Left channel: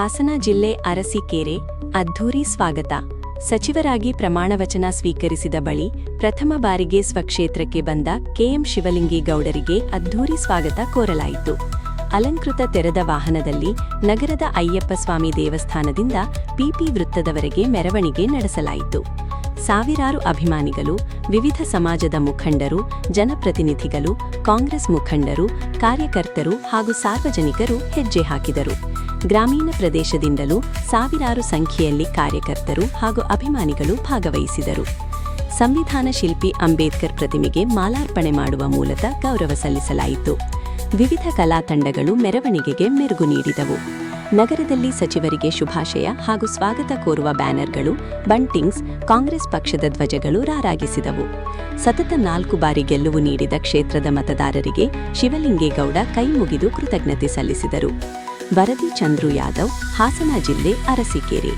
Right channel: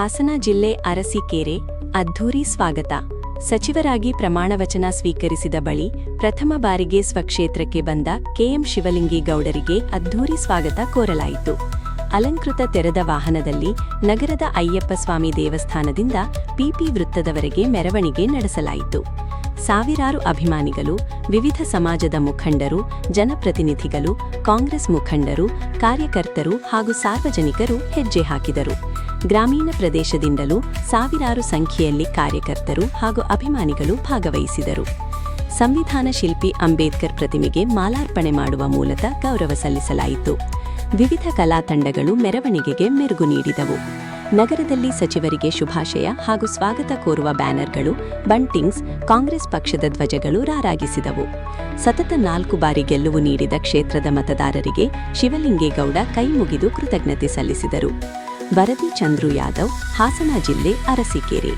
ಹಾಸನ ಜಿಲ್ಲೆ ಅರಸೀಕೆರೆ ಅದ್ಧೂರಿ ಸ್ವಾಗತ. ಸಚಿವರಾಗಿ ಪ್ರಮಾಣವಚನ ಸ್ವೀಕರಿಸಿದ ಬಳಿ ಪ್ರಥಮ ಬಾರಿಗೆ ಸ್ವಕ್ಷೇತ್ರಕ್ಕೆ ಬಂದ ಕೆಎಂ ಶಿವಲಿಂಗೇಗೌಡರಿಗೆ ಅದ್ಧೂರಿ ಸ್ವಾಗತ ಕೋರಲಾಯಿತು. ಅಲಂಕೃತ ತೆರೆದ ವಾಹನದಲ್ಲಿ ನಗರದ ಅಯ್ಯಪ್ಪಸ್ವಾಮಿ ದೇವಸ್ಥಾನದಿಂದ ಪಿಪಿ ವೃತ್ತದವರೆಗೆ ಮೆರವಣಿಗೆ ನಡೆಸಲಾಯಿತು. ಸಾವಿರಾರು ಅಭಿಮಾನಿಗಳು, ವಿವಿಧ ಸಮಾಜದ ಮುಖಂಡರು, ಜನಪ್ರತಿನಿಧಿಗಳು, ಕಾಂಗ್ರೆಸ್ ಮುಖಂಡರು, ಕಾರ್ಯಕರ್ತರು ಹಾಗೂ ಸಾರ್ವಜನಿಕರು ಹೆಜ್ಜೆ ಹಾಕಿದರು. ಗ್ರಾಮೀಣ ಪ್ರದೇಶದಿಂದಲೂ ಸಾವಿರಾರು ಸಂಖ್ಯೆಯಲ್ಲಿ ಕಾರ್ಯಕರ್ತರು ಹಾಗೂ ಅಭಿಮಾನಿಗಳು ಭಾಗವಹಿಸಿದರು. ಸಂವಿಧಾನ ಶಿಲ್ಪಿ ಅಂಬೇಡ್ಕರ್ ಪ್ರತಿಮೆಗೆ ಮಾಲಾರ್ಪಣೆ ಮಾಡುವ ಮೂಲಕ ಗೌರವ ಸಲ್ಲಿಸಲಾಯಿತು. ವಿವಿಧ ಕಲಾ ತಂಡಗಳು ಮೆರವಣಿಗೆಗೆ ಮೆರುಗು ನೀಡಿದವು. ನಗರದಲ್ಲಿ ಸಚಿವರಿಗೆ ಶುಭಾಶಯ ಹಾಗೂ ಸ್ವಾಗತ ಕೋರುವ ಬ್ಯಾನರ್ಗಳು, ಬಂಟಿಂಗ್ಸ್, ಕಾಂಗ್ರೆಸ್ ಪಕ್ಷದ ಧ್ವಜಗಳು ರಾರಾಗಿಸಿದವು. ಸತತ 4 ಬಾರಿ ಗೆಲುವು ನೀಡಿದ ಕ್ಷೇತ್ರದ ಮತದಾರರಿಗೆ ಶಿವಲಿಂಗೇಗೌಡ ಕೈ ಮುಗಿದು ಕೃತಜ್ಞತೆ ಸಲ್ಲಿಸಿದರು. ವರದಿ ಚಂದ್ರು ಯಾದವ್, ಹಾಸನ ಜಿಲ್ಲೆ ಅರಸೀಕೆರೆ.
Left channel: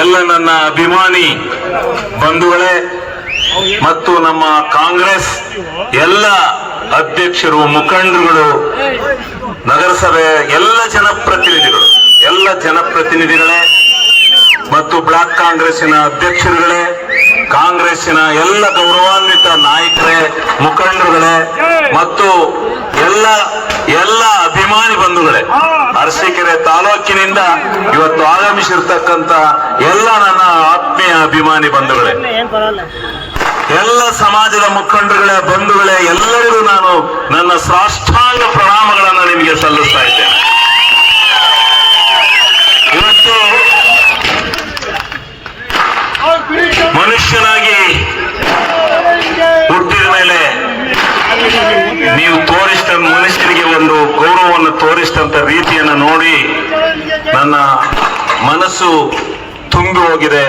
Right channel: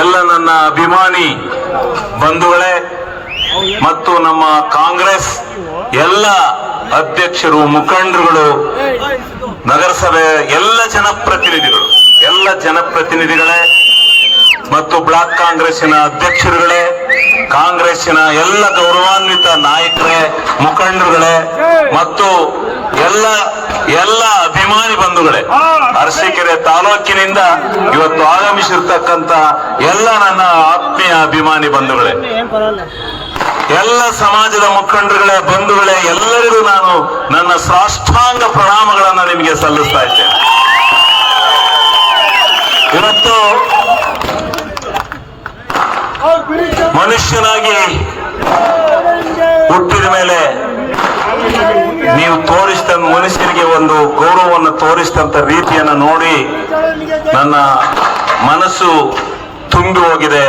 ಎಲ್ಲ ನನ್ನ ಅಭಿಮಾನಿ ಬಂಧುಗಳೇ ಮತ್ತು ನಮ್ಮ ಕಾಂಗ್ರೆಸ್ ಎಲ್ಲ ಅಧ್ಯಕ್ಷರು, ಮುಖಂಡರುಗಳು, ನಗರಸಭೆ ಎಲ್ಲ ಜನಪ್ರತಿನಿಧಿಗಳೇ ಮತ್ತು ಬ್ಲಾಕ್ ಕಾಂಗ್ರೆಸ್ಸಿನ ಅಧ್ಯಕ್ಷರುಗಳೇ, ಕಾಂಗ್ರೆಸ್ಸಿನ ಎಲ್ಲ ಗೌರವಾನ್ವಿತ ನಾಯಕರೇ, ಮುಖಂಡರುಗಳೇ ಮತ್ತು ಎಲ್ಲ ಅಭಿಮಾನಿ ಬಂಧುಗಳೇ, ಅರಸೀಕೆರೆ ತಾಲೂಕಿನಿಂದ ಇವತ್ತು ಆಗಮಿಸಿರ್ತಕ್ಕಂಥ ಎಲ್ಲ ನನ್ನ ಆತ್ಮೀಯ ಅಭಿಮಾನಿ ಬಂಧುಗಳೇ, ಎಲ್ಲ ಸಮಾಜದ ಮುಖಂಡರುಗಳೇ, ಬಂಧುಗಳೇ, ಎಲ್ಲರಿಗೂ ನಾನು ನನ್ನ ಸಾಷ್ಟಾಂಗ ಪ್ರಣಾಮಗಳನ್ನು ನಿಮಗೆ ಸಲ್ಲಿಸ್ತಾ ಇದ್ದೇನೆ. ಇವತ್ತು ಮನುಷ್ಯನಾಗಿ ಹುಟ್ಟಿದ ಮೇಲೆ ನೀವು ತೋರಿಸಿದ ಮನುಷ್ಯನಿಗೆ ಒಂದು ಗೌರವವನ್ನು ತೋರಿಸಿದಂತ ರೀತಿಯನ್ನು ನೋಡಿ ನನ್ನ ಮನಸ್ಸು ತುಂಬಿ ಹೋಗಿದೆ.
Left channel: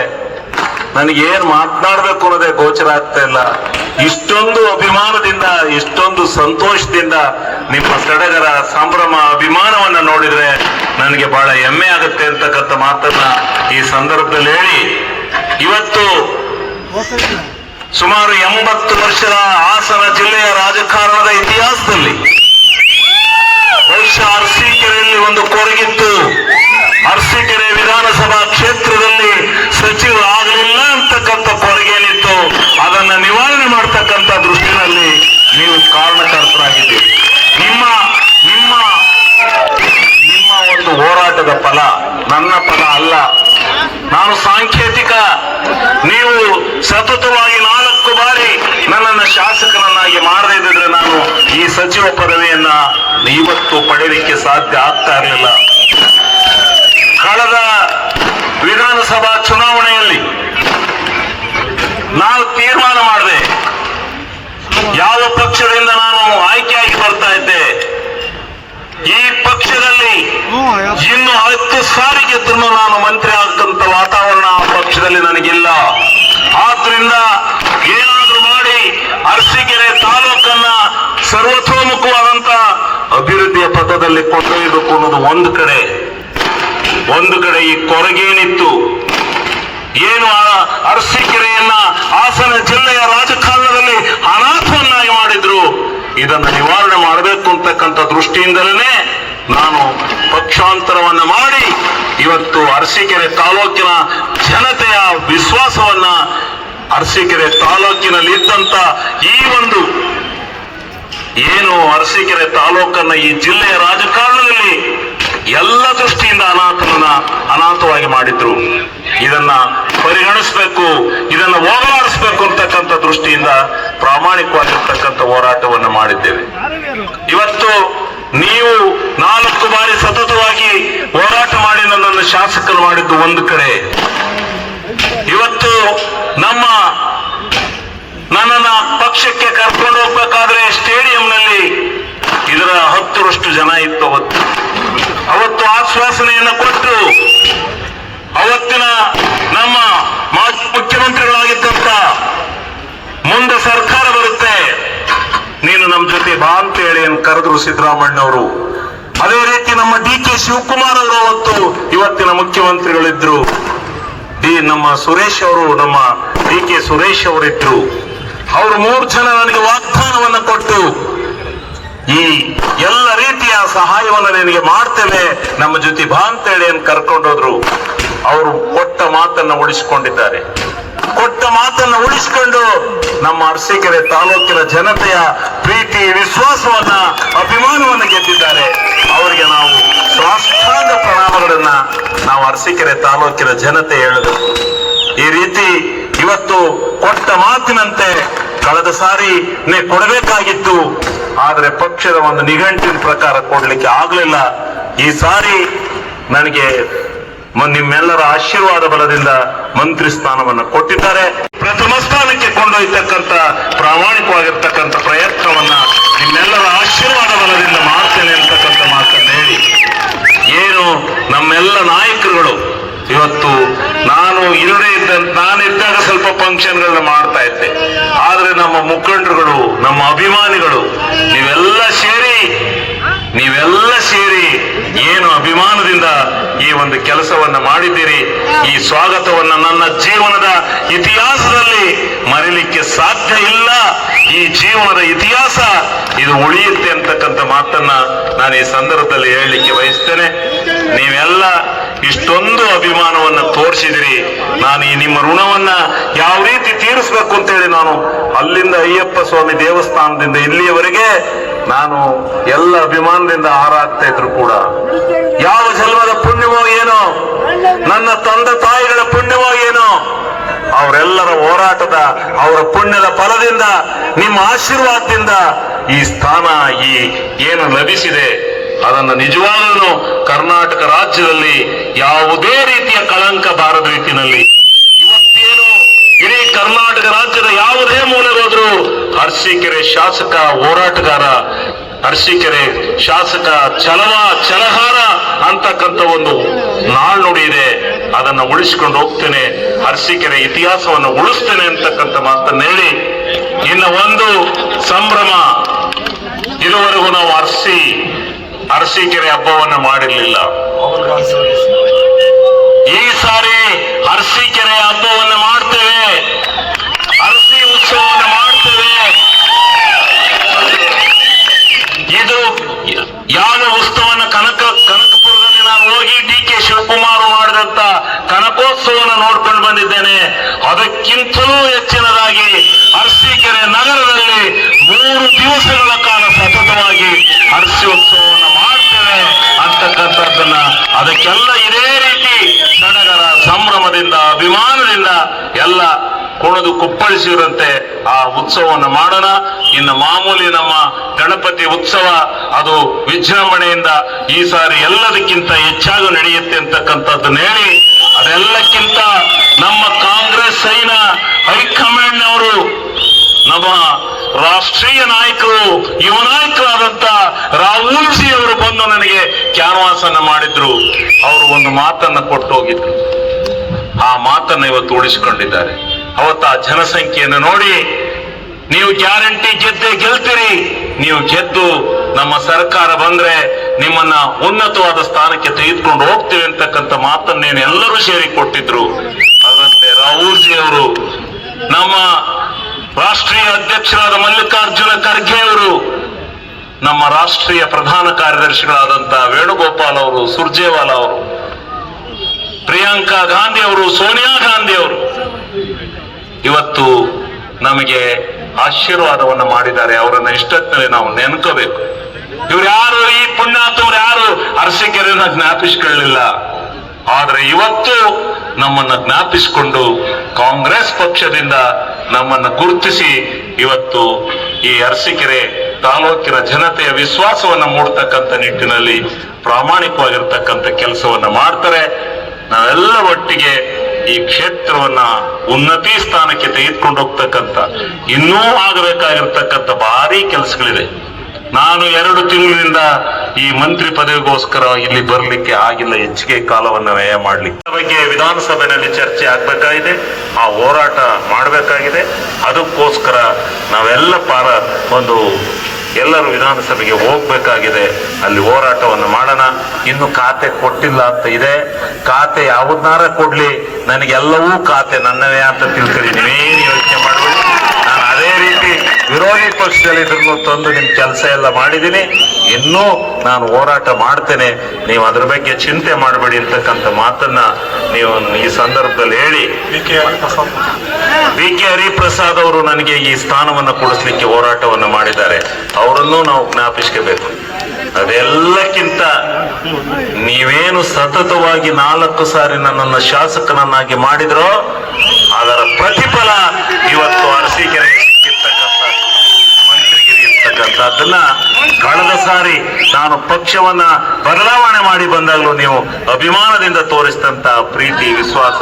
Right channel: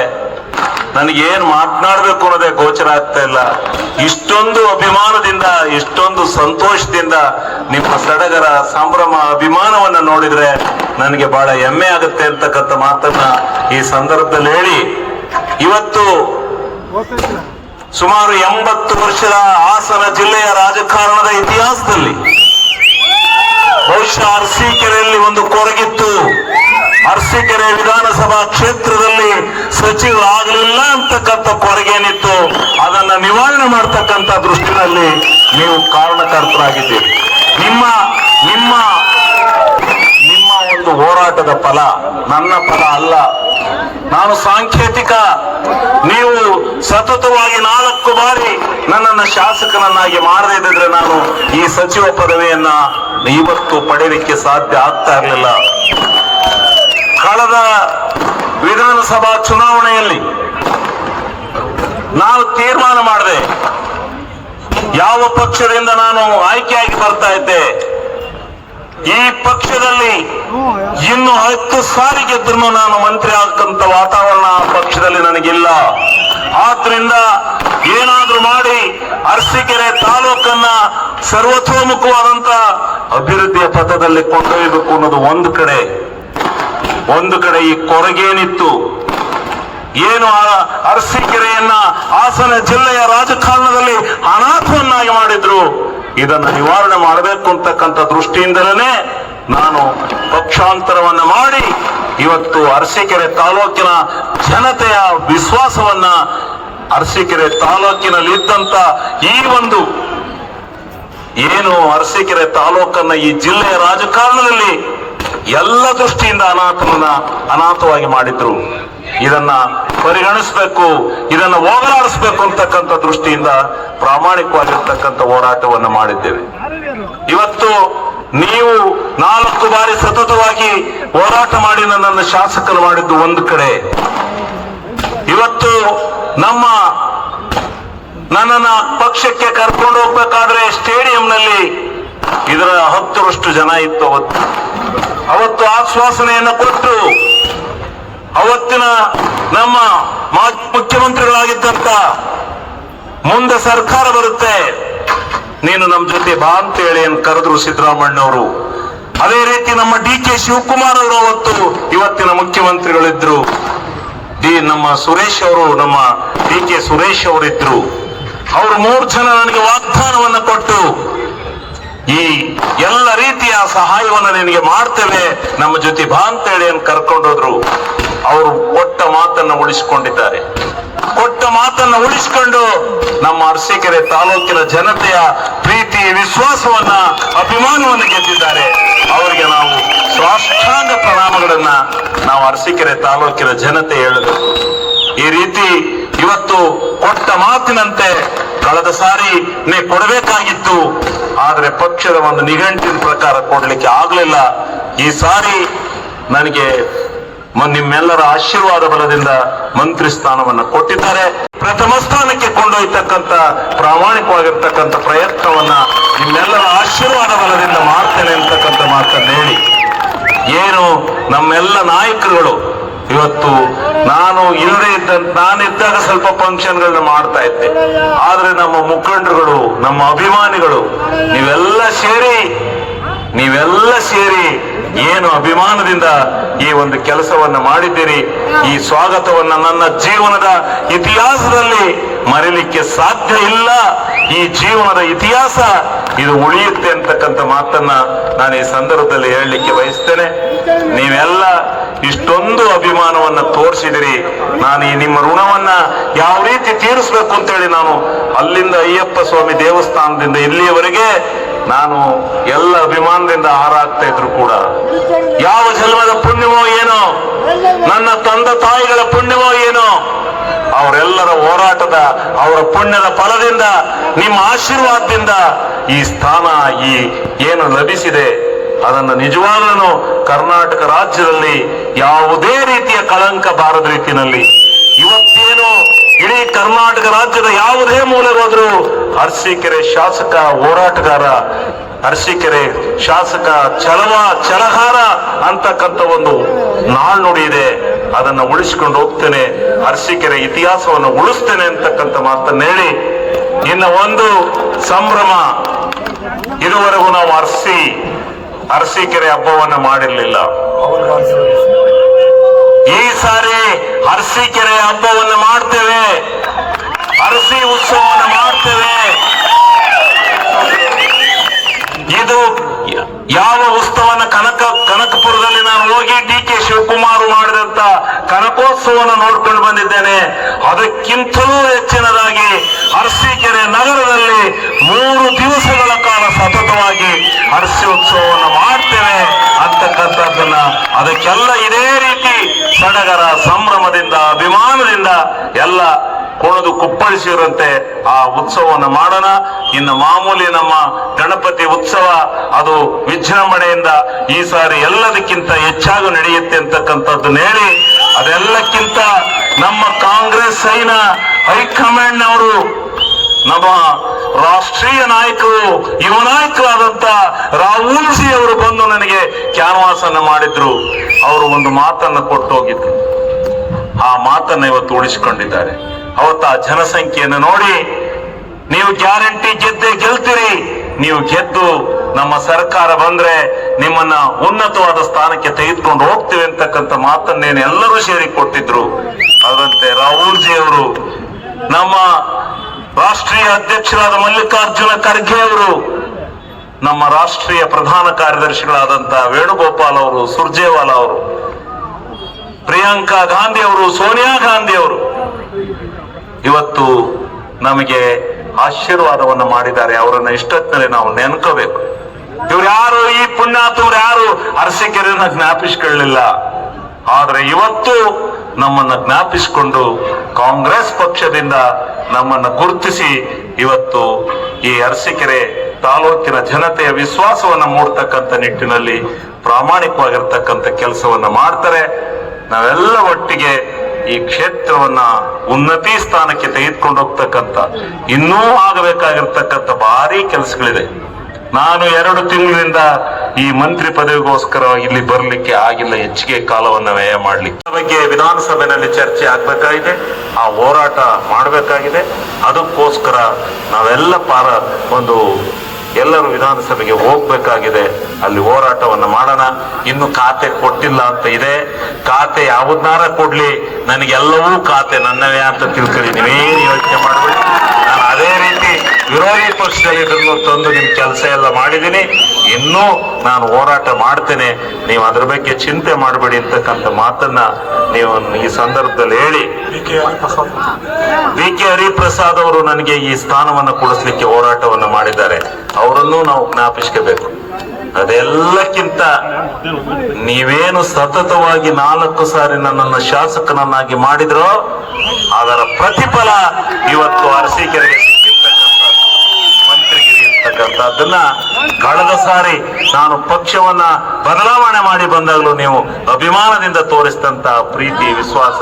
ನನಗೆ ಏನ್ ಮಾತನಾಡಬೇಕು ಅನ್ನೋದೇ ಗೋಚರ ಆಗ್ತಾ ಇಲ್ಲ. ಇಷ್ಟೊಂದು ಅಭಿಮಾನದಿಂದ, ಇಷ್ಟೊಂದು ಸಂತೋಷದಿಂದ ನಿಮ್ಮ ಸಡಗರ, ಸಂಭ್ರಮ, ಅಭಿಮಾನವನ್ನ ನೋಡಿದ್ರೆ ನನಗೆ ಬಹಳ ಹೆಮ್ಮೆ ಆಗುತ್ತೆ ಅಂತಕ್ಕಂಥ ಮಾತನ್ನ ಈ ಸಂದರ್ಭದಲ್ಲಿ ಹೇಳಿ, ಇವತ್ತು ಸುಮಾರು 80 ವರ್ಷದ ಹಾಸನ ಜಿಲ್ಲೆಯ ರಾಜಕಾರಣದ ಇತಿಹಾಸದಲ್ಲಿ ಬಹುಶಃ ಅರಸೀಕೆರೆಯಲ್ಲಿ ಒಂದು ಕೊರಗಿತ್ತು. ಅರಸೀಕೆರೆ ವಿಧಾನಸಭಾ ಕ್ಷೇತ್ರದಲ್ಲಿ ಸಚಿವರಾಗಲಿಲ್ಲ ಅಂತಕ್ಕಂಥ ಕೊರಗೇನಿತ್ತು, ಅದನ್ನ ನಿವಾರಣೆ ಮಾಡ್ತಕ್ಕಂಥ ದೃಷ್ಟಿನಲ್ಲಿ ನೀವು ಕಾರಣಕರ್ತರಾಗಿದ್ದೀರಿ. ನಿಮ್ಮ ನಿಮ್ಮ ನಿಮ್ಮ ಒಂದು ಹೋರಾಟದ ಫಲ ನನ್ನ ಫಲ ಅಲ್ಲ. ನಾನು ಸಾಂಕೇತಿಕ, ನೀವು ಸತತವಾಗಿ 4 ಬಾರಿ ನನ್ನನ್ನು ಶಾಸಕನನ್ನಾಗಿ ಮಾಡದೇ ಇದ್ದರೆ ನಾನು ಈ ಸಚಿವ ಪದವಿಯನ್ನ ಇವತ್ತು ಪಡೆಯಲಿಕ್ಕೆ ಸಾಧ್ಯ ಆಗ್ತಾ ಇರಲಿಲ್ಲ. ಕಳೆದ ವಿಧಾನಸಭಾ ಚುನಾವಣೆಯಲ್ಲಿ ನಾನು ತೀರ್ಮಾನ ಮಾಡಿದೆ, ಯಾವ ಪಕ್ಷದಿಂದ ನಾನು ಆಯ್ಕೆಯಾಗಿ ಬರ್ತಾ ಇದ್ದೆ, ಈ ಪಕ್ಷದಲ್ಲಿ ಇನ್ನು 10 ಸಾರಿ ಗೆದ್ದರೂ ನಾನು ಮಂತ್ರಿ ಆಗತಕ್ಕಂಥ ವಾತಾವರಣ ಪಕ್ಷದಲ್ಲಿ ನನಗಿಲ್ಲ. ಆದ್ರಿಂದ ಏನಾದ್ರೂ ಮಾಡಿ ಅರಸೀಕೆರೆ ತಾಲೂಕನ್ನ ಸರ್ವತೋಮುಖವಾದಂತ ಅಭಿವೃದ್ಧಿಯ ಪಥದಲ್ಲಿ ಕೊಂಡೊಯ್ಯಬೇಕು ಅನ್ನೋದು ಒಂದು ಕಡೆ ಈ ಕೊರಗೇನಿತ್ತು, ಏನು ಅರಸೀಕೆರೆಯನ್ನ ಹಾಸನ ಜಿಲ್ಲೆಯ ರಾಜಕಾರಣದಲ್ಲಿ ಅನಾಥವನ್ನಾಗಿ ಮಾಡಿದ್ರು, ಇದನ್ನು ನಿವಾರಣೆ ಮಾಡಬೇಕು ಅಂತಕ್ಕಂಥ ದೃಷ್ಟಿಯಿಂದಲೇ ನಾನು ಪಕ್ಷಾಂತರವನ್ನ ಮಾಡಿ ಇವತ್ತು ಅರಸೀಕೆರೆ ತಾಲೂಕಿನ ಜನತೆಯ ವಿಶ್ವಾಸವನ್ನ, ಅರಸೀಕೆರೆ ತಾಲೂಕಿನಲ್ಲಿ ಇದ್ದಂತ ಈ ಒಂದು ಏನು ಅರಸೀಕೆರೆ ತಾಲೂಕನ್ನ ಈ ಜಿಲ್ಲೆಯ ರಾಜಕಾರಣದಲ್ಲಿ ಎಲ್ಲ ದೃಷ್ಟಿಯಿಂದ ಅನಾಥವಾಗಿ ಮಾಡಿದ್ರು, ಇದನ್ನ ಪರಿಗಣಿಸಬೇಕು, ಇದನ್ನ ಹೋಗಲಾಡಿಸಬೇಕು ಅಂತಕ್ಕಂಥ ದೃಷ್ಟಿಯಿಂದ ಪ್ರಾಮಾಣಿಕವಾಗಿರ್ತಕ್ಕಂಥ ಹೋರಾಟವನ್ನು ಮಾಡಿದ್ದೇವೆ. ಇವತ್ತು ನೀವು 4 ಬಾರಿ ಸತತವಾಗಿ ಹೋರಾಟ ಮಾಡಿ ನನ್ನನ್ನು ಶಾಸಕರು ಮಾಡಿದ್ದು ಒಂದು ಕಡೆ, ಇವತ್ತು ನನ್ನನ್ನ ಪಕ್ಷಕ್ಕೆ ಕರ್ಕೊಂಡು ಹೋಗ್ಬೇಕಾದ್ರೆ ಸ್ಟೇಡಿಯಂನಲ್ಲಿ ಇದರ 10ರಷ್ಟು ಜನ ಇತ್ತು. ಅವತ್ತು ಆಶ್ವಾಸನೆಯನ್ನು ಕೊಟ್ಟು ಅವತ್ತಿನ ನಮ್ಮ ಮಾಜಿ ಮುಖ್ಯಮಂತ್ರಿಗಳಾಗಿದ್ದಂತ, ಮುಂದೆ ಸರ್ಕಾರ ಬರುತ್ತೆ ನೀನು ನಮ್ಮ ಜೊತೆ ಬಾ ಅಂತ ಹೇಳಿ ಕರೆದ್ರು ಸಿದ್ದರಾಮಣ್ಣವರು. ಅದೇ ರೀತಿ ನಮ್ಮ DK ಶಿವಕುಮಾರ್ ಅವರು ಅವತ್ತು ಇವತ್ತಿನ ಮುಖ್ಯಮಂತ್ರಿಗಳಿದ್ರು, ನಮ್ಮ ಸುರೇಶ್ ಅವರು, ನಮ್ಮ DK ಸುರೇಶ್ ಅವರಿದ್ರು. ಅವರು 3 ಜನ ನನಗೆ ವಾಗ್ದಾನವನ್ನು ಕೊಟ್ಟು ಈ ಎಲ್ಲ ರೀತಿಯ ಸಹಾಯವನ್ನು ನಿನಗೆ ಮಾಡ್ತೇವೆ, ನಮ್ಮ ಜೊತೆ ಬಾ ಅಂತ ಹೇಳಿ ಕರ್ಕೊಂಡೋದ್ರು. ಅವರು ಕೊಟ್ಟ ಮಾತನ್ನ ಉಳಿಸಿಕೊಂಡಿದ್ದಾರೆ. ಕೊಟ್ಟ ಮಾತನ್ನ ಉಳಿಸಿಕೊಂಡು ನಮ್ಮ ಅರಸೀಕೆರೆ ತಾಲೂಕಿನ ಜನತೆಯ ಪ್ರೀತಿ, ವಿಶ್ವಾಸವನ್ನ, ಅಭಿಮಾನವನ್ನು ಗೆದ್ದಿದ್ದಾರೆ. ಅವರಿಗೆ ನಾವು ಸಾಷ್ಟಾಂಗ ಪ್ರಣಾಮಗಳನ್ನ ನಾವು ಅರಸೀಕೆರೆ ತಾಲೂಕಿನ ಜನತೆ ಹೇಳಬೇಕು. ಈ ರೀತಿ ಇವತ್ತು ಕೊಟ್ಟ ಮಾತಿನಂತೆ ಕಳೆದ ಸಾರಿ ಕೊಡಬೇಕಾಗಿತ್ತು, ಆದರೆ ಪಕ್ಷದ ಒಂದು ನಿಘಂಟಿನ ಪ್ರಕಾರ ಕೊಡ್ಲಿಕ್ಕೆ ಆಗ್ಲಿಲ್ಲ. ಈ ಸಾರಿ ನನಗೆ ನಿಮ್ಮೆಲ್ಲರ ಆಶೀರ್ವಾದ ಬಲದಿಂದ ಮಂತ್ರಿ ಸ್ಥಾನವನ್ನು ಕೊಟ್ಟಿದ್ದಾರೆ. ಪ್ರಥಮ ಸ್ಥಾನಕ್ಕೆ ಕೊಂಡೊಯ್ಯತಕ್ಕಂಥ ಪ್ರಾಮಾಣಿಕವಾಗಿರ್ತಕ್ಕಂಥ ಪ್ರಯತ್ನವನ್ನ ನಿಮ್ಮೆಲ್ಲರ ಆಶೀರ್ವಾದ ಬಲದಿಂದ ಮಾಡ್ತೇನೆ ಅಂತಕ್ಕಂಥ ಮಾತನ್ನು ಹೇಳಿ, ಏನು ನಮ್ಮೆಲ್ಲ ನಾಯಕರುಗಳು ಇವತ್ತು ನಾನಿದ್ದಾಗ ಸ್ವಲ್ಪ ಫಂಕ್ಷನ್ಗಳನ್ನ ಮಾಡ್ತಾ ಇದ್ದೆ, ಆದ್ರೆ ನಮ್ಮ ಮುಖಂಡರುಗಳು, ನಮ್ಮ ಅಭಿಮಾನಿಗಳು ನೀವೆಲ್ಲ ಸೇರಿ ಏನು ಅಭಿಮಾನದಿಂದ ಈ ಒಂದು ಕೆಲಸವನ್ನ ಮಾಡಿದ್ದೀರಿ. ಈ ಸ್ವಾಗತವನ್ನ ನನ್ನ ಜೀವನದ ಇತಿಹಾಸದಲ್ಲಿ ಮರೆಯಲಿಕ್ಕೆ ಸಾಧ್ಯ ಇಲ್ಲ. ಈ ಜೀವನದ ಇತಿಹಾಸ ಇದು ಉಳಿಯುತ್ತೆ ಅಂತಕ್ಕಂಥ ಮಾತನ್ನ ನಾನು ಈ ಸಂದರ್ಭದಲ್ಲಿ ಹೇಳಲಿಕ್ಕೆ ಬಯಸ್ತೇನೆ. ನೀವೆಲ್ಲ ಇಷ್ಟೊಂದು ಅಭಿಮಾನವನ್ನು ತೋರಿಸಿದಿರಿ. ನಾನು ಈ ನಿಮ್ಮ ಋಣವನ್ನ ಯಾವ ರೀತಿ ತೀರಿಸಬೇಕು ಅಂತೇಳಿ ನಾನು ಅಲ್ಲಿಂದ ಅಯ್ಯಪ್ಪ ಸ್ವಾಮಿ ದೇವಸ್ಥಾನದಿಂದ ಇಲ್ಲಿಯವರೆಗೆ ನಾನು ಎಲ್ಲ ಅಭಿಮಾನದಿಂದ ಹಾರಾಗ್ತಾ ಇದ್ರು ಕೂಡ, ಯಾವ ಜನ್ಮದ ಪುಣ್ಯವೋ ಏನೋ, ನನ್ನ ತಂದೆ ತಾಯಿಗಳ ಪುಣ್ಯವೋ ಏನೋ, ಅವರೆಲ್ಲರ ಹೋರಾಟದ, ಅವರ ಪುಣ್ಯದ ಫಲದಿಂದ, ನಿಮ್ಮ ಆಶೀರ್ವಾದದಿಂದ ಈ ಸ್ಥಾನ ಏನು ಲಭಿಸಿದೆ, ಅದನ್ನು ನಿಜವಾಗ್ಲೂ ಕರ್ನಾಟಕ ರಾಜ್ಯದಲ್ಲಿ ಯಾವುದೇ ರೀತಿಯ ಕಳಂಕ ಬಾರದ ರೀತಿಯಲ್ಲಿ ಇವತ್ತೇನು ಇಡೀ ಕರ್ನಾಟಕ ರಾಜ್ಯದ ಯಾವುದೇ ಮೂಲೆಗೋದ್ರೂ ಅರಸೀಕೆರೆ ಶಾಸಕ ಹೋರಾಟಗಾರ, ಅರಸೀಕೆರೆ ಶಾಸಕ ಛಲಗಾರ ಅಂತಕ್ಕಂಥ ಒಂದು ನಾಣ್ಣುಡಿ ಇದೆ. ಅದನ್ನು ಉಳಿಸಿಕೊಂಡು ಹೋಗ್ತೇನೆ, ಅರಸೀಕೆರೆ ಇತಿಹಾಸವನ್ನು ಉಳಿಸ್ತೇನೆ ಅಂತಕ್ಕಂಥ ಮಾತನ್ನು ಹೇಳಿ, ಇನ್ನು ಒಂದು ಸಂಭ್ರಮ, ಇದುವರೆಗೂ ನಾವು ಅರಸೀಕೆರೆ ಹಬ್ಬವನ್ನ ಮಾಡಿರಲಿಲ್ಲ. ಈ ಸಾರಿ ಅರಸೀಕೆರೆ ಹಬ್ಬವನ್ನು ಮಾಡ್ತೇವೆ, ಅರಸಿ ಉತ್ಸವವನ್ನು ಮಾಡ್ತೇವೆ. ಇದು ಯಾವ ಉತ್ಸವನ ಕನಕಪುರದಲ್ಲಿ ನಾನು ಹೋಗಿ ಡಿ.ಕೆ. ಶಿವಕುಮಾರ್ ಮಾಡಿದಂತ ಕನಕೋತ್ಸವವನ್ನು ನೋಡ್ಕೊಂಡು ಬಂದಿದ್ದೇನೆ. ಅದಕ್ಕಿಂತಲೂ ಹೆಚ್ಚಿನದಾಗಿ ಅರಸೀಕೆರೆ ನಗರದಲ್ಲಿ 3 ದಿವಸಗಳ ಕಾಲ ಸತತವಾಗಿ ಅರಸಿ ಉತ್ಸವವನ್ನು ಮಾಡ್ತೇವೆ ಅಂತಕ್ಕಂಥದ್ದನ್ನ, ಅದಕ್ಕೆಲ್ಲ ಇದೇ ರೀತಿ ಸಡಗರ ಸಂಭ್ರಮದಿಂದ ಅಭಿಮಾನದಿಂದ ಎಲ್ಲ ಕುಣಿದು ಕುಪ್ಪಳಿಸಿರಂತೆ ಆ ಉತ್ಸವವನ್ನು ಮಾಡೋಣ. ಇನ್ನು ಮಾಮೂಲಿ ನಮ್ಮ ಗಣಪತಿ ಉತ್ಸವ ಅದು ವಿಜೃಂಭಣೆಯಿಂದ ಈ ಸಾರಿ ಎಲ್ಲದಕ್ಕಿಂತ ಹೆಚ್ಚಾಗಿ ನಡೆಯುತ್ತೆ ಅಂತಕ್ಕಂಥದ್ದನ್ನ ಹೇಳಿ, ಅದೆಲ್ಲಕ್ಕಿಂತ ನಮ್ಮ ಕಾಂಗ್ರೆಸ್ ಹೈಕಮಾಂಡ್ನವರು, ನಮ್ಮ ರಾಷ್ಟ್ರೀಯ ನಾಯಕರು, ಯುವ ನಾಯಕರಾದಂತ ರಾಹುಲ್ ಜಿ ಅವರು ಬಂದು ನನಗೆ ಕ್ಯಾನ್ವಾಸ್ ಅನ್ನ ಮಾಡಿದ್ರು. ಅವರು ಒಂದು ಮಾತನ್ನ ಕೊಟ್ಟು ಹೋಗಿದ್ರು. ಆ ಮಾತನ್ನ ಇವತ್ತು ಉಳಿಸಿಕೊಂಡಿದ್ದಾರೆ. ಅವತ್ತ ಆ ಜನಸಂಖ್ಯೆಯನ್ನು ನೋಡಿ, ನೀವು ಗ್ಯಾರಂಟಿ ಗೆಲ್ತೀರಿ, ನೀವು ಗೆದ್ದು ನಮ್ಮ ಸರ್ಕಾರ ಬಂದ್ರೆ ನಿಮ್ಮನ್ನ ಉನ್ನತವಾದ ಸ್ಥಾನಕ್ಕೆ ತೆಗೆದುಕೊಂಡು ಹೋಗ್ತೀವಿ ಅಂತಕ್ಕಂಥ ಮಾತನ್ನೇನು ಎಲ್ಲರೂ ಸೇರಿ ಕೊಟ್ಟಿದ್ರು. ಅದರಂತೆ ರಾಹುಲ್ ಜಿ ಅವರು, ನಮ್ಮ ರಾಷ್ಟ್ರೀಯ ಅಧ್ಯಕ್ಷರಾದ ಮಲ್ಲಿಕಾರ್ಜುನ ಖರ್ಗೆ ಅವರು, ನಮ್ಮ ರಾಷ್ಟ್ರೀಯ ಪ್ರಧಾನ ಕಾರ್ಯದರ್ಶಿಗಳಾದಂತ ವೇಣುಗೋಪಾಲ್ ಅವರು, ಸುರ್ಜೇವಾಲಾ ಅವರು, ಪ್ರಿಯಾಂಕಾ ಗಾಂಧಿ ಅವರು, ಸೋನಿಯಾ ಗಾಂಧಿ ಅವರು ಇವತ್ತು ನಮಗೆ ಆಶೀರ್ವಾದವನ್ನು ಮಾಡಿದ್ದಾರೆ. ಅವರನ್ನ ಇಷ್ಟೊತ್ತಿನಲ್ಲಿ ನಾವು ನೆನ್ಕೋಬೇಕು. ಇವ್ರು ಯಾರು, ಈ ಪುಣ್ಯಾತ್ಮರು ಯಾರು ಅರಸೀಕೆರೆಯನ್ನ ಜ್ಞಾಪಿಸಿಕೊಳ್ಳಲಿಲ್ಲ. ಆದ್ರೆ ಇವತ್ತು ನಮ್ಮನ್ನ ಜ್ಞಾಪಿಸಿಕೊಂಡು ಕಾಂಗ್ರೆಸ್ ಪಕ್ಷದಿಂದ ನಮ್ಮನ್ನ ಗುರುತಿಸಿ ಇವತ್ತು ಈ ಅರಸೀಕೆರೆ ತಾಲೂಕಿನ ಜನತೆಯ ವಿಶ್ವಾಸವನ್ನ ಮೂಡತಕ್ಕಂಥ ನಿಟ್ಟಿನಲ್ಲಿ ಪ್ರಾಮಾಣಿಕವಾಗಿರ್ತಕ್ಕಂಥ ಕೆಲಸವನ್ನ ಮಾಡ್ತಾರೆ. ನಾವೆಲ್ಲ ಒಟ್ಟಿಗೆ ಈ ಕ್ಷೇತ್ರವನ್ನ ಉನ್ನತಿ ಸ್ಥಾನಕ್ಕೆ ತೆಗೆದುಕೊಂಡು ಹೋಗ್ತಕ್ಕಂಥ, ಇನ್ನೂ ಆಗಬೇಕಾಗಿರ್ತಕ್ಕಂಥ ಭಾರಿ ಕೆಲಸಗಳಿದೆ. ನಾನು 2 ತಿಂಗಳಿನಿಂದ ಈ ಮಂತ್ರಿ ಪದವಿಗೋಸ್ಕರ ಇಲ್ಲಿ ಬರಲಿಕ್ಕೆ ಆಗಿಲ್ಲ, ಹೆಚ್ಚಿಗೆ ಕಾಲವನ್ನು ವ್ಯಯ ಮಾಡ್ಲಿಕ್ಕೆ. ಬಗ್ಗೆ ವಿಧಾನಸಭೆಯಲ್ಲಿ ಚರ್ಚೆ ಆಗ್ಬೇಕಾಗಿದೆ, ಆ ಹೋರಾಟ ಮಾಡಬೇಕಾಗಿದೆ. ಅದಕ್ಕೋಸ್ಕರ ನಾವೆಲ್ಲ ಎಲ್ಲರೂ ವಿಧಾನಸಭೆಗೆ ಹೋಗ್ಬೇಕಾಗಿದೆ. ಅಲ್ಲಿ ಹೋರಾಟವನ್ನು ಮಾಡೋಣ. ಇನ್ನು ಖಾತೆ ಕೊಟ್ಟಿಲ್ಲ ಅಂತ ಇದೆ. ಖಾತೆ ಯಾವುದನ್ನಾರ ಕೊಡ್ಲಿ, ನನಗೆಲ್ಲವೂ ಖಾತೆ ನನ್ನವೇ ಅಂತ ತಿಳ್ಕೊಳ್ಳಿ, ನೀವೇನು ಯೋಚನೆ ಮಾಡಬೇಡಿ. ನಾನು ಅದೇ ರೀತಿ ವಿರೋಧಿ ಪಕ್ಷದಲ್ಲಿ ಇದನ್ನು ತಂದು ನಿಮ್ ಕೆಲಸ ಎಲ್ಲ ಮಾಡಿದ್ದೀನಿ. ಇನ್ನೂ ನಾನು ಹೋರಾಟ ಮಾಡ್ತೇನೆ, ನೀವು ಅದ್ರ ಬಗ್ಗೆ ಚಿಂತೆ ಮಾಡಬೇಡಿ ಅಂತಕ್ಕಂಥ ಮಾತನ್ನ ನೀವು ಈ ಸಂದರ್ಭದಲ್ಲಿ ಹೇಳಿ. ವಿ ಕೆ ಹರಿಪ್ರಸಾದ್ ಅವರು ನನಗೆ ಈ ಸ್ಥಾನವನ್ನು ಕೊಡಿಸ್ಲಿಕ್ಕೆ ಹೋರಾಟವನ್ನು ಮಾಡಿದ್ದಾರೆ. ಅವರನ್ನು ನಾವು ಜ್ಞಾಪಿಸ್ಕೋಬೇಕು. ಅದೆಲ್ಲಕ್ಕಿಂತ ನೀವೇನು ಸತತವಾಗಿ 4 ಸಾರಿ ನನ್ನನ್ನು ಶಾಸಕನನ್ನಾಗಿ ಮಾಡಿದ್ರೋ ಅದರ ಪ್ರತಿಫಲ ಇವತ್ತು ಅರಸೀಕೆರೆಗೆ ಸಿಕ್ಕಿರ್ತಕ್ಕಂಥ ಮಂತ್ರಿಗಿರಿ ಇರ್ತಕ್ಕಂಥದ್ದನ್ನ ಕಳೆದ ಸಾರಿ ನಾನು ಪಕ್ಷವನ್ನ ಬದಲಾವಣೆ ಮಾಡಿ ಬಂದಾಗಲೂ ನೀವು ಅಭಿಮಾನದಿಂದ ತೋರಿಸಿದಂತ ಪ್ರೀತಿ ವಿಶ್ವಾಸ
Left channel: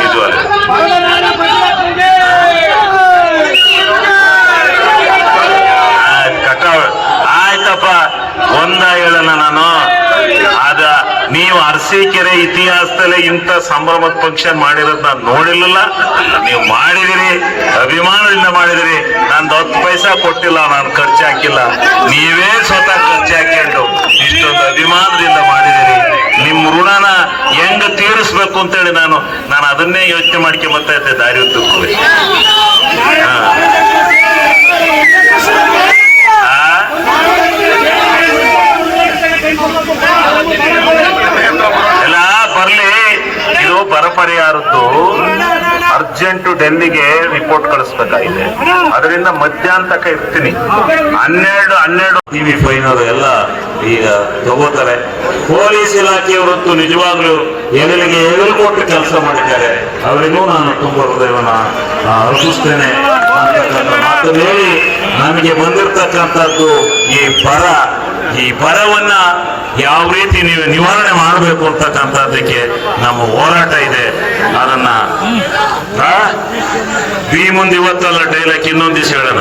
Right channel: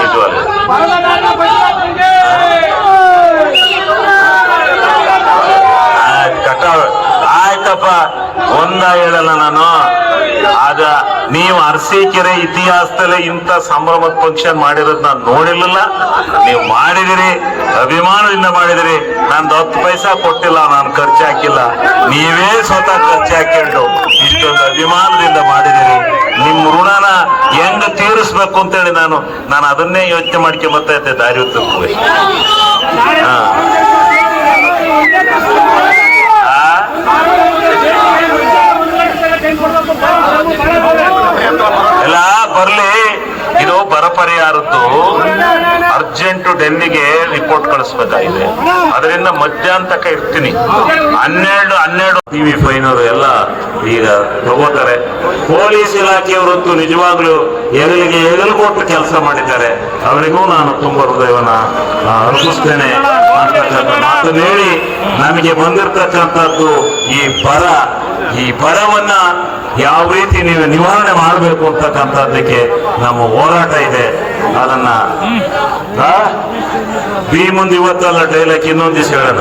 ನಿಜವಲ್ಲ. ಆಯ್ತಪ್ಪ, ಒಂದ ಹೇಳಲ್ಲ ನಾನು. ಆದ ನೀವು ಅರಸೀಕೆರೆ ಇತಿಹಾಸದಲ್ಲೇ ಇಂಥ ಸಂಭ್ರಮದ ಫಂಕ್ಷನ್ ಮಾಡಿರೋದು ನಾನು ನೋಡಿರ್ಲಿಲ್ಲ. ನೀವು ಮಾಡಿದಿರಿ, ಅಭಿಮಾನದಿಂದ ಮಾಡಿದಿರಿ. ನಾನು 10 ಪೈಸಾ ಕೊಟ್ಟಿಲ್ಲ, ನಾನು ಖರ್ಚು ಹಾಕಿಲ್ಲ. ನೀವೇ ಸ್ವತಃ ಖರ್ಚು ಹಾಕೊಂಡು ಇಷ್ಟೊಂದು ಅಭಿಮಾನದಿಂದ ಮಾಡಿದಿರಿ. ನಿಮ್ಮ ಋಣನ ಹೆಂಗ ತೀರಿಸ್ಬೇಕು ಅಂತೇಳಿ ನಾನು ಅದನ್ನೇ ಯೋಚನೆ ಮಾಡ್ಕೊಂಡ್ ಬರ್ತಾ ಇದ್ದೆ ದಾರಿ ಉದ್ದಕ್ಕೂ. ಎಲ್ಲ ಬರ್ಲಿ. ಇದು ಬರ ಪರಿಹಾರದ್ದು ಅರ್ಜೆಂಟ್ ಡೆಲ್ಲಿಗೆ ರಿಪೋರ್ಟ್ ಕಳಿಸ್ಬೇಕಾಗಿದೆ. ಅದರಿಂದ ಮಧ್ಯಾಹ್ನ ತನಕ ಇರ್ತೀನಿ. 12 ಟಿವಿ ಫೈನವರು ಎಲ್ಲ ಈಗ ತಗೋತಾರೆ. ಪೊಲೀಸ್ ಇಲಾಖೆಯವರಂತೂ ನಿಜವಾಗ್ಲೂ ಹೆಗಲು ಕೊಟ್ಟು ಕೆಲಸ ಮಾಡಿದ್ದಾರೆ. ಅವರಿಗೂ ನಾನು ತುಂಬ ಹೃದಯವನ್ನ ಅರ್ಪಿಸ್ತೇನೆ ಅಂತಕ್ಕಂಥ ಮಾತನ್ನು ಹೇಳಿ, ನಮಗೆ ಬಂದಿರತಕ್ಕಂಥದ್ದು ಈ ಬರವನ್ನ ಯಾವ ರೀತಿ ನೀವು ನಿವಾರಣೆ ಮಾಡಬೇಕು ಅಂತಕ್ಕಂಥದ್ದಕ್ಕೆ ನಮ್ಮ ಹೋರಾಟ ಇದೆ. ಅದನ್ನ ಈ ಮುಂದೆ ಇವತ್ತಲ್ಲ ಡೈಲಾಗ್ ಇನ್ನೊಂದು ದಿವಸ ಹೇಳೋಣ.